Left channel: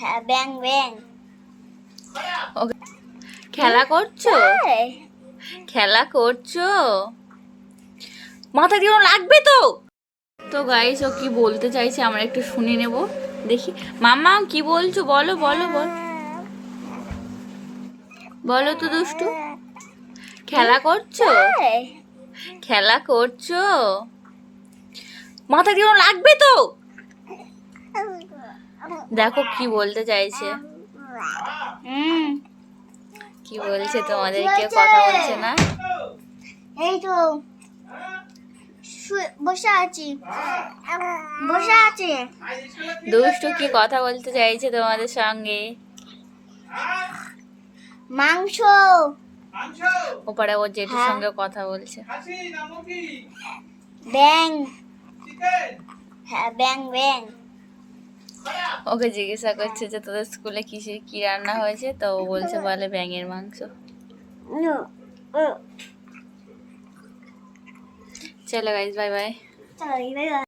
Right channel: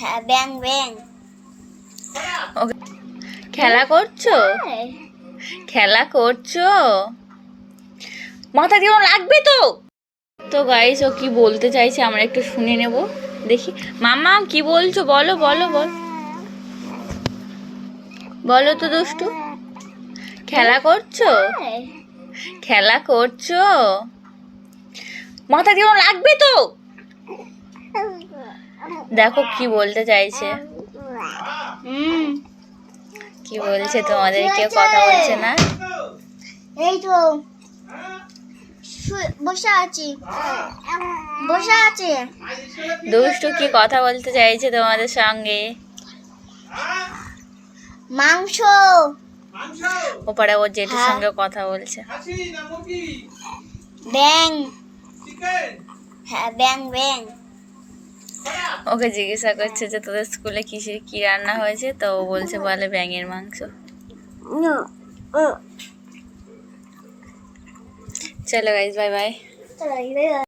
হ্যাঁ ব্যাং ব্যাং। ওকে, খেলা করছো? খেলা করছো? মাথা দিয়ে লাগবে তো। তো গাইস ও কি বলতে চাইছে আমরা একটু শুনে নেব, দেখি। মামা কি বলছো, বলো বলো বলো বলো তো দুষ্টু। খেলা করছো? খেলা করছো? মাথা দিয়ে লাগবে তো। দেখো কি বলতে চাইছে। কি বলছে তোমাদেরকে, কথা বলছে না? এই তো বসে আছি, বসে আছি। দুষ্টু কি কথা বলতে চাইছে তোমাদের সঙ্গে? মাংস। ওপারে ওর জেঠুর সঙ্গে কথা বলছে। ব্যাং। হ্যাঁ ব্যাং ব্যাং। ওকে জিজ্ঞাসা করছে যে তোদের স্কুলে কিসের কি রান্না হয়েছে, তো ও বলছে বলে ব্যাঙের মাংস। চলো গাইস, বাই বাই।